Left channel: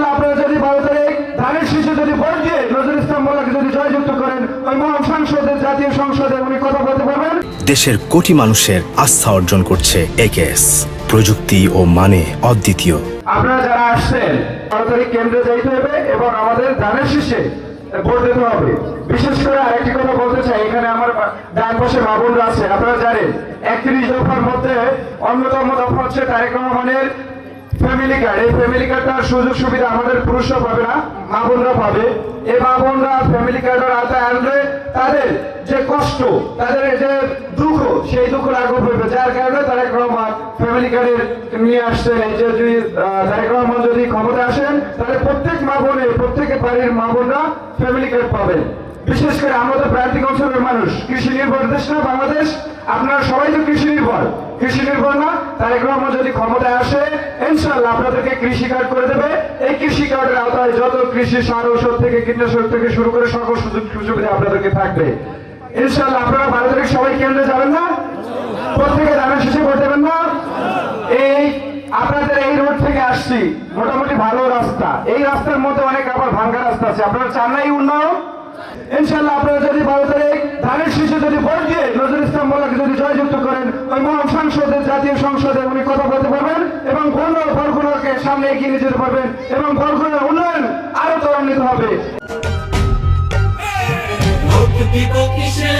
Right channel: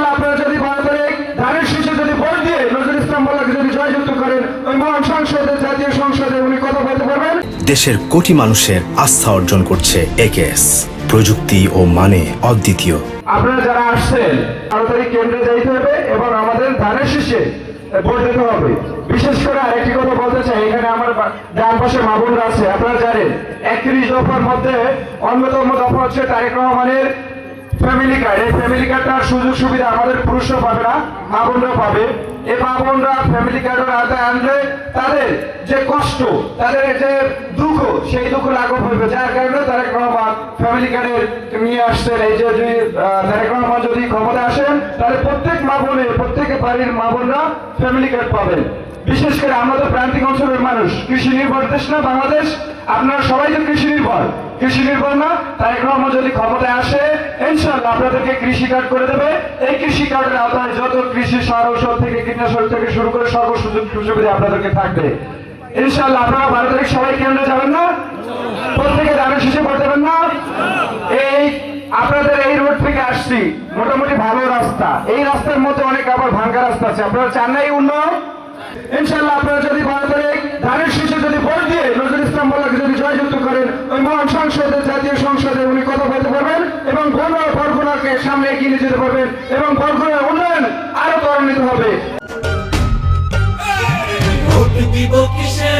ইনশাআল্লাহ আপনারা যদি 12 তারিখ ধানের শীষে যদি ভোট দিয়ে নজরুল ইসলাম মোল্লাকে যদি জয়যুক্ত করেন, ওই মহান সংসদে, জাতীয় সংসদে উনি কথা বলতে পারবেন। দেশের কোটি মানুষের আস্থা অর্জন করছে একেএস, প্রযুক্তি ও মানে অদ্বিতীয়। আপনারা যারা আসছেন 12 তারিখ কেন্দ্রে যাইতে হবে এবং আমাদের ধানের শীষে ভোট দিতে হবে। বিশেষ করে আরেকটি কথা বলতে চাই, এখানে আমার ডান পাশে বাবুরা আছে, আপনারা জানেন 31 দফার মধ্যে অন্যতম দফা হচ্ছে তারেক রহমানের ফ্যামিলি কার্ড। এই ফ্যামিলি কার্ডটার সুযোগ সুবিধা আমাদের পুরুষরা পাবে না, মা বোনরা পাবে। এই মা বোনরা ফ্যামিলি কার্ডের আওতায় আনলে তাদের যে কষ্ট, তাদের যে দুঃখ, সেই দুঃখ লাঘব হবে। যার কারণে তারেক রহমান ফ্যামিলি কার্ডের নিয়ে আসছেন। এই যে যদি তারেক রহমান যদি ক্ষমতা আসেন, তাহলে প্রত্যেক মা বোনের, প্রত্যেক বাড়ির মা বোনরা ফ্যামিলি কার্ড পাবেন। বিশেষ করে আমাদের প্রান্তিক অঞ্চলের মানুষ, কৃষি নির্ভর দেশ না বাংলাদেশ, আপনারা সবাই তো কৃষি নির্ভর, কৃষি নির্ভর না? তারেক রহমান যদি ক্ষমতায় আসে, ইনশাআল্লাহ আপনাদেরকে কৃষি কার্ড করে দেবে। এই কৃষি কার্ডের আওতায় যত কৃষি সার, ঔষধ থেকে কীটনাশক থেকে শুরু করে সকল সুযোগ সুবিধা আপনাদেরকে থাকবে। ইনশাআল্লাহ আপনারা 12 তারিখ সবাই কেন্দ্রে যাবেন না? প্রত্যেকে ধানের শীষে ভোট দেবেন না? এই আপনাদের এই রোড থেকে আসছি, মোটামুটি ভালো রাস্তা। এই রাস্তার মধ্যে অনেক আবার ভাঙ্গা রাস্তা আছে। আপনারা চান না এই উন্নয়ন? ইনশাআল্লাহ আপনারা যদি 12 তারিখ ধানের শীষে যদি ভোট দিয়ে নজরুল ইসলাম মোল্লাকে যদি জয়যুক্ত করেন, ওই মহান সংসদে, জাতীয় সংসদে উনি কথা বলতে পারবেন এবং বরগুনাকে সামনে এগিয়ে নিয়ে যেতে পারবেন এবং বরগুনার উন্নয়ন আরো ত্বরান্বিত হবে। ভোট দিব কিসে